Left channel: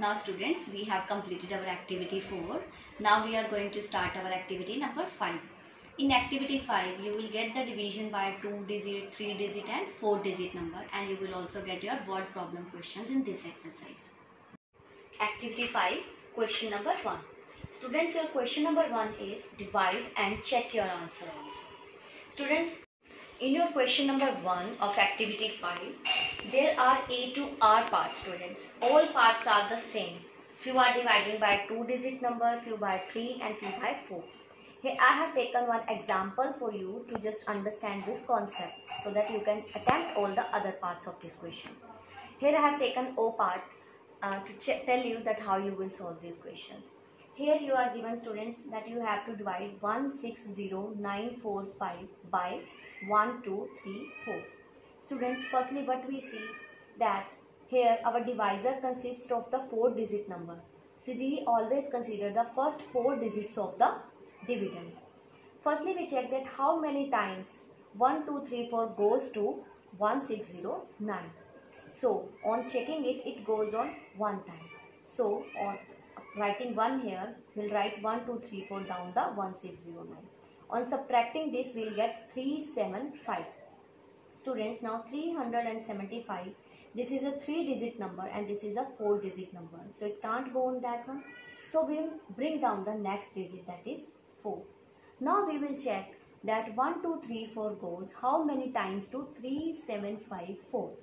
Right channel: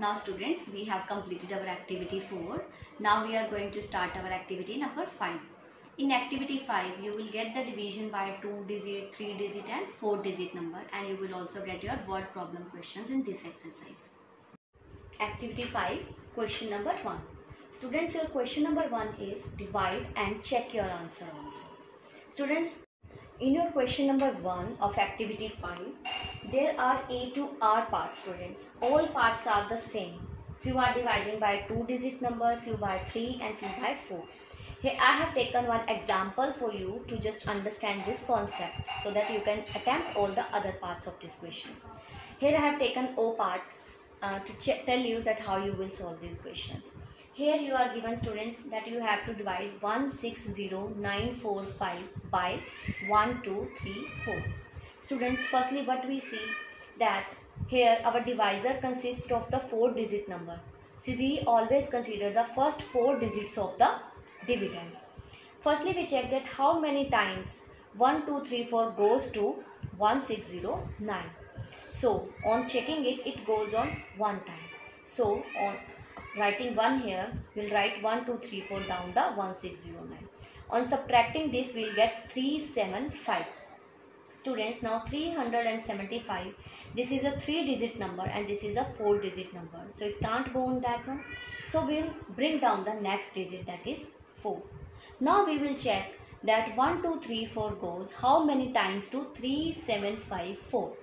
Now students, we have completed our activity 4. Now we are going to start our activity number 5. In activity 5, you will get the division by 2-digit, 3-digit and 4-digit number, and you will also get your word problem questions in this exercise. Activity 5, question number 1. Students, your question number 1 is divide and check your answer also. Students, in your question number 1 of activity 5, there are A to R parts, students. All parts are the same. Few are dividing by 2-digit number, few by 3 and few by 4. Here I have taken one example for you to just understand this concept so that you can attempt all the other parts of this question. Here I have taken O part to tell you that how you will solve these questions. Here you are given, students, that you have to divide 160945 by 1, 2, 3, 4. Students, firstly what we see that here our divisor consists of the 4-digit number. So we always consider the first 4 digits of the dividend. Firstly we check that how many times 1, 2, 3, 4 goes to 1609. So on checking it, it goes on one time. So on writing 1 here, we'll write 1, 2, 3, 4 down the 1609. On subtracting this, we'll get 375. Students, now 375, this is a 3-digit number and this is a 4-digit number. So it can't go on that one. So we'll bring down the next digit, that is 4. Now we will check that 1, 2, 3, 4 goes how many times to 3754.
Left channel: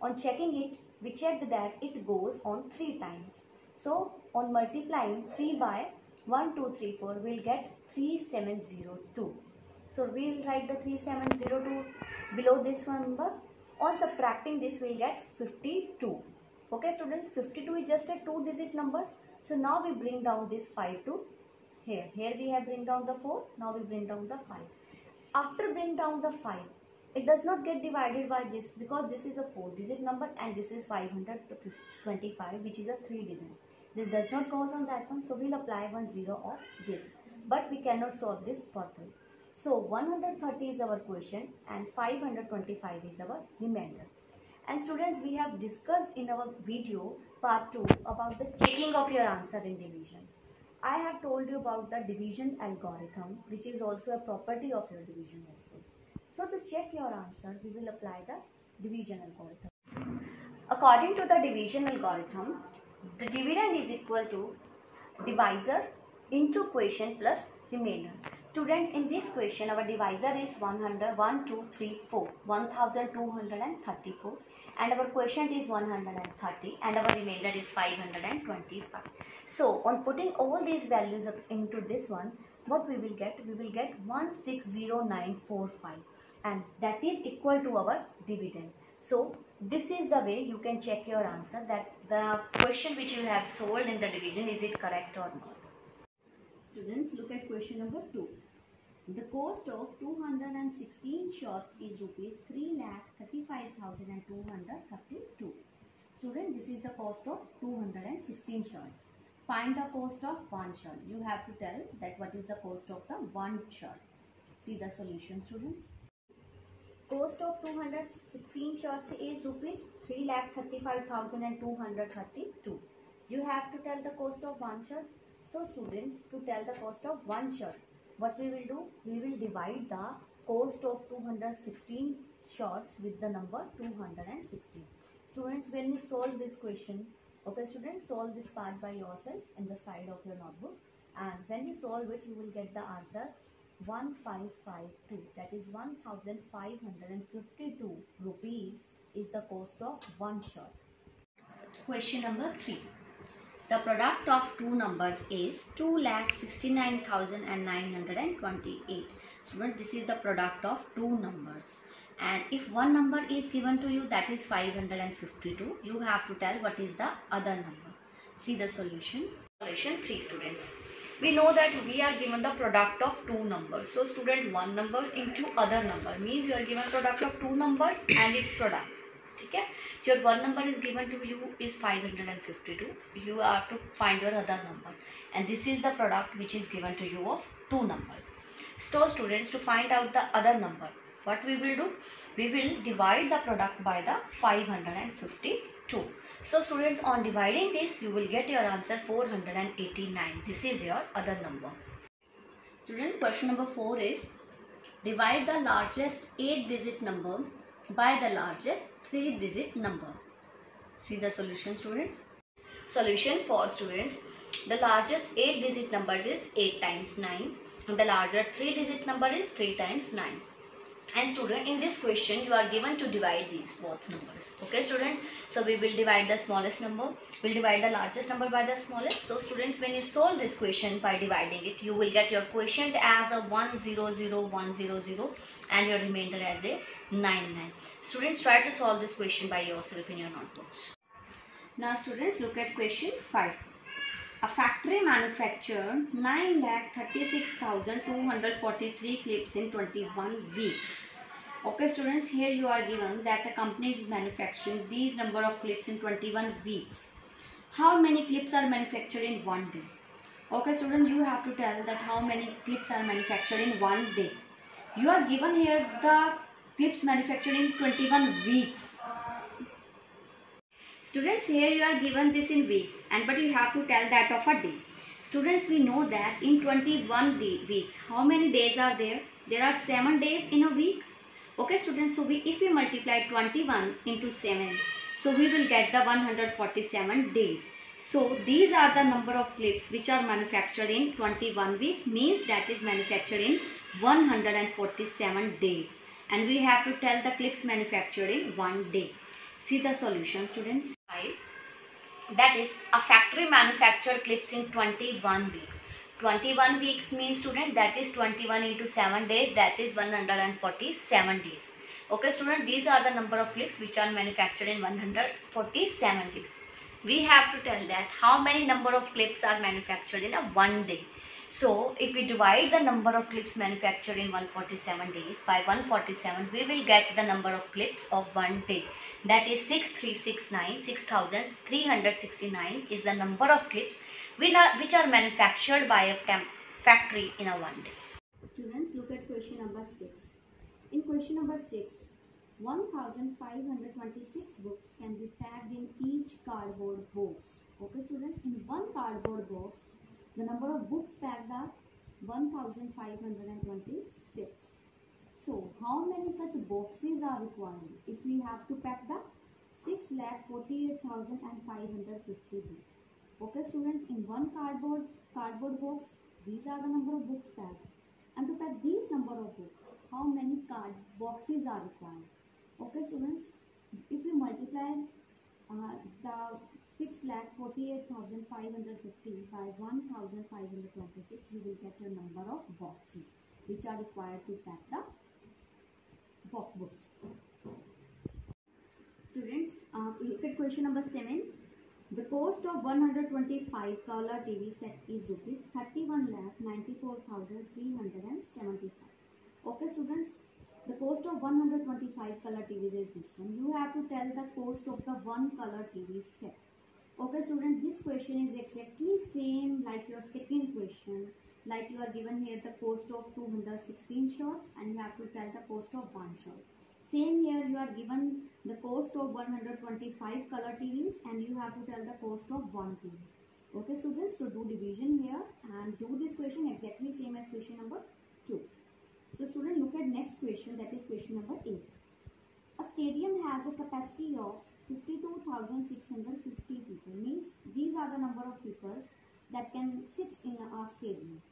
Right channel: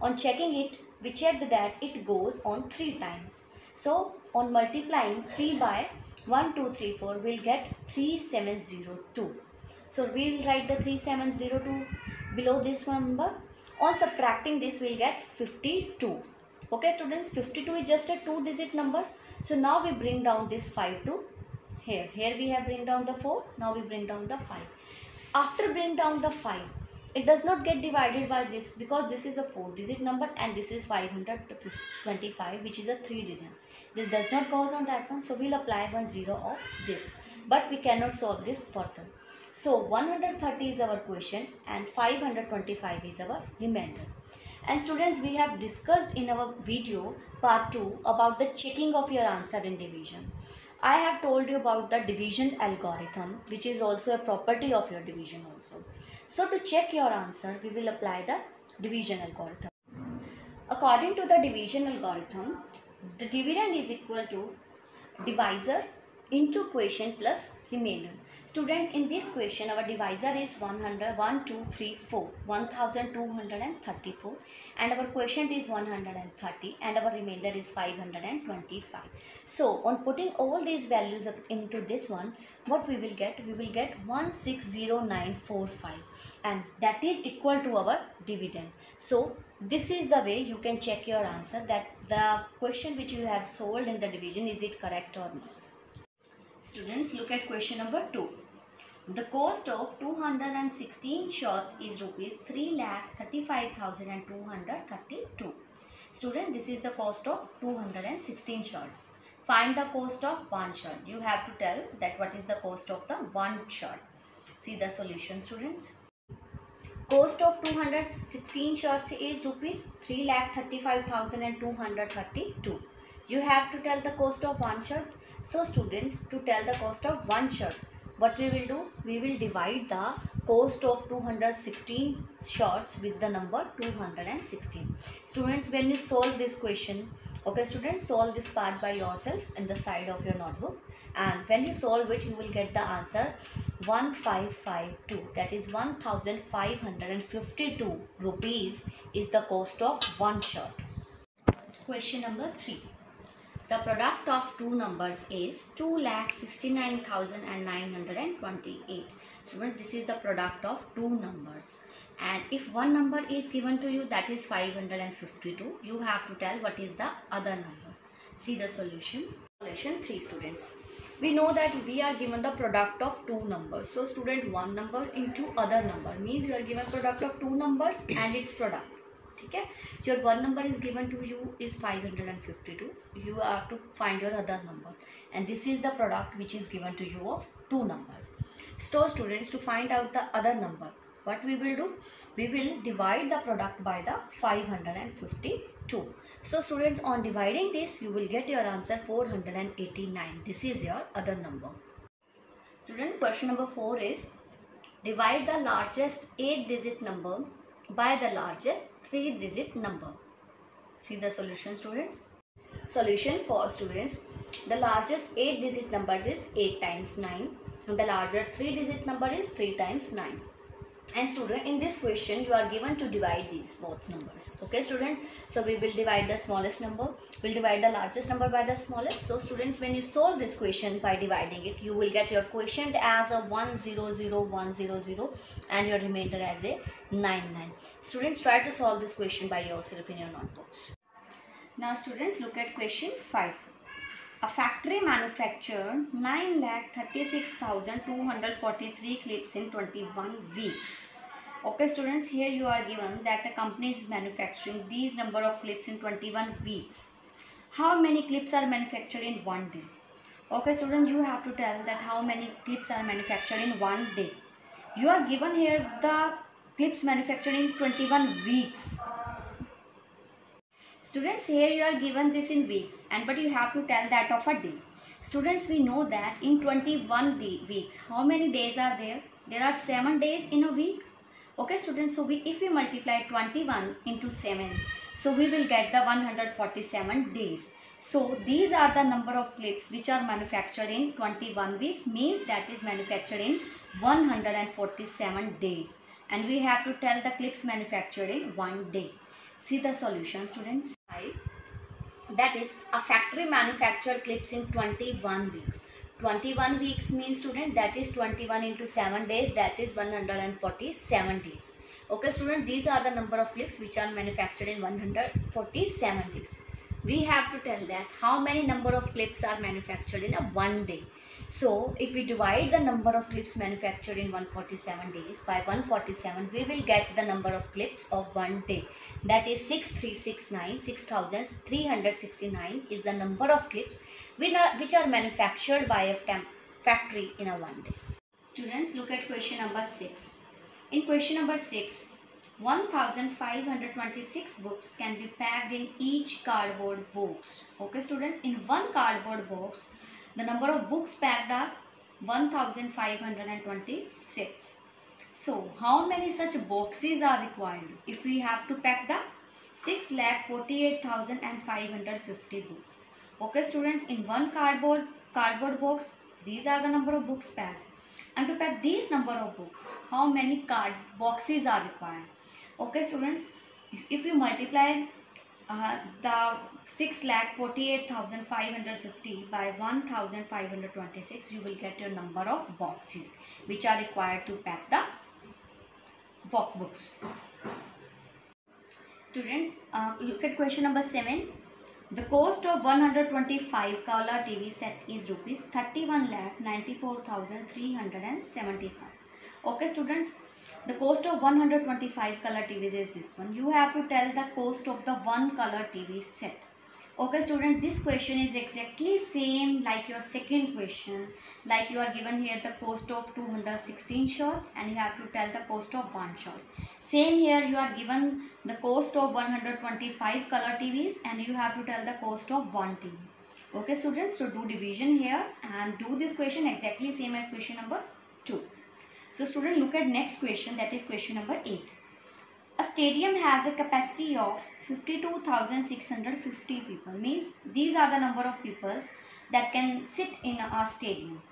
On checking it, we checked that it goes on 3 times. So on multiplying 3 by 1, 2, 3, 4, we'll get 3702. So we will write the 3702 below this number. On subtracting this, we'll get 52. Okay students, 52 is just a 2-digit number. So now we bring down this 5 to here. Here we have bring down the 4. Now we bring down the 5. After bring down the 5, it does not get divided by this because this is a 4-digit number and this is 525, which is a 3-digit. This does not goes on that one, so we'll apply 1 0 of this. But we cannot solve this further. So 130 is our question and 525 is our remainder. And students, we have discussed in our video part 2 about the checking of your answer in division. I have told you about the division algorithm, which is also a property of your division also. So to check your answer, we will apply the division algorithm. According to the division algorithm, the dividend is equal to divisor into quotient plus remainder. Students, in this question, our divisor is 1234, and our quotient is 130 and our remainder is 525. So on putting all these values up into this one, what we will get? We will get 160945, and that is equal to our dividend. So this is the way you can check your answer, that the question which you have solved in the division, is it correct or not. Students, look at question number 2. The cost of 216 shots is rupees 3,35,232. Student, this is the cost of 216 shots. Find the cost of one shot. You have to tell that what is the cost of the one shot. See the solution, students. Cost of 216 shots is rupees 3,35,232. You have to tell the cost of one shot. So students, to tell the cost of one shot, what we will do? We will divide the cost of 216 shots with the number 216. Students, when you solve this question, okay students, solve this part by yourself in the side of your notebook, and when you solve it, you will get the answer 1552. That is 1552 rupees is the cost of one shot. Question number 3. The product of two numbers is 2,69,928. Student, this is the product of two numbers. And if one number is given to you, that is 552, you have to tell what is the other number. See the solution. Solution 3, students. We know that we are given the product of two numbers. So student, one number into other number means you are given product of two numbers and its product. Okay? Your one number is given to you is 552. You have to find your other number, and this is the product which is given to you of two numbers. So students, to find out the other number, What we will do? We will divide the product by the 552. So students, on dividing this, you will get your answer 489. This is your other number. Student, question number 4 is, divide the largest 8-digit number by the largest 3-digit number. See the solution, students. Solution for students. The largest 8-digit number is 8 times 9 and the larger 3-digit number is 3 times 9. And student, in this question you are given to divide these both numbers. Okay student, so we will divide the smallest number, we'll divide the largest number by the smallest. So students, when you solve this question by dividing it, you will get your quotient as a 100,100 and your remainder as a 99. Students, try to solve this question by yourself in your notebooks. Now students, look at question 5. A factory manufactured 9,36,243 clips in 21 weeks. Okay students, here you are given that a company is manufacturing these number of clips in 21 weeks. How many clips are manufactured in one day? Okay students, you have to tell that how many clips are manufactured in one day. You are given here the clips manufactured in 21 weeks. Students, here you are given this in weeks, but you have to tell that of a day. Students, we know that in 21 weeks, how many days are there? There are 7 days in a week. Okay students, so if we multiply 21 into 7, so we will get the 147 days. So these are the number of clips which are manufactured in 21 weeks, means that is manufactured in 147 days. And we have to tell the clips manufactured in one day. See the solution, students. That is, a factory manufactured clips in 21 weeks. 21 weeks means, student, that is 21 into 7 days, that is 147 days. Okay student, these are the number of clips which are manufactured in 147 days. We have to tell that how many number of clips are manufactured in a one day. So if we divide the number of clips manufactured in 147 days by 147, we will get the number of clips of one day. That is 6369, 6369 is the number of clips which are manufactured by a factory in a one day. Students, look at question number 6. In question number 6, 1526 books can be packed in each cardboard box. Okay students, in one cardboard box, the number of books packed are 1526. So how many such boxes are required if we have to pack the 6,48,550 books? Okay students, in one cardboard box, these are the number of books packed. And to pack these number of books, how many boxes are required? Okay students, if you multiply the 6,48,550 by 1,526, you will get your number of boxes which are required to pack the books. Students, look at question number 7. The cost of 125 color TV set is rupees 31,94,375. Okay students, the cost of 125 color TVs is this one. You have to tell the cost of the one color TV set. Okay student, this question is exactly same like your second question. Like you are given here the cost of 216 shots and you have to tell the cost of one shot. Same here, you are given the cost of 125 color TVs and you have to tell the cost of one TV. Okay students, so do division here and do this question exactly same as question number 2. So student, look at next question, that is question number 8. A stadium has a capacity of 52,650 people, means these are the number of people that can sit in a stadium.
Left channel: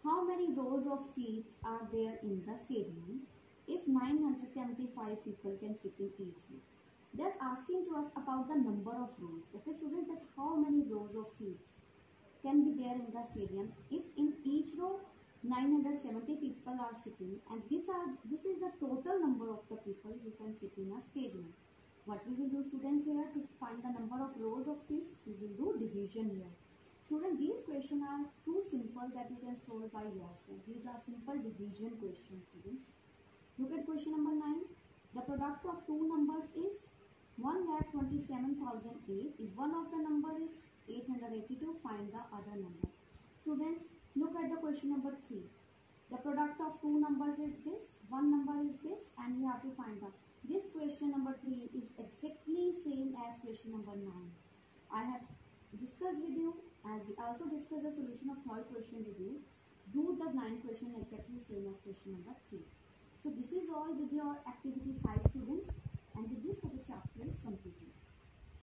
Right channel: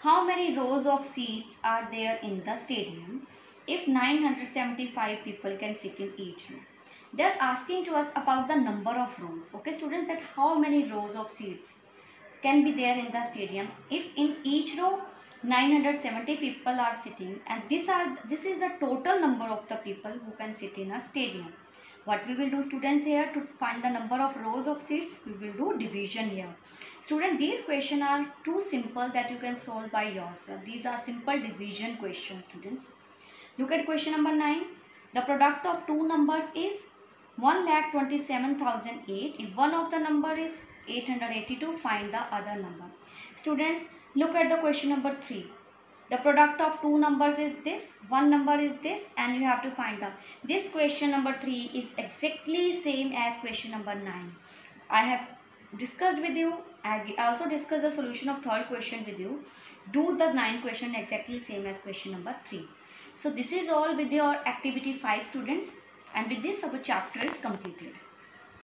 How many rows of seats are there in the stadium if 975 people can sit in each row? They are asking to us about the number of rows. Okay students, that how many rows of seats can be there in the stadium if in each row 970 people are sitting, and this is the total number of the people who can sit in a stadium. What we will do students here, to find the number of rows of seats, we will do division here. Student, these questions are too simple that you can solve by yourself. These are simple division questions students. Look at question number 9. The product of two numbers is 1,27,008. If one of the number is 882, find the other number. Students, look at the question number 3. The product of two numbers is this, one number is this, and you have to find the. This question number 3 is exactly same as question number 9. I have discussed with you. I also discussed the solution of third question with you. Do the 9th question exactly same as question number 3. So this is all with your activity 5 students, and with this our chapter is completed.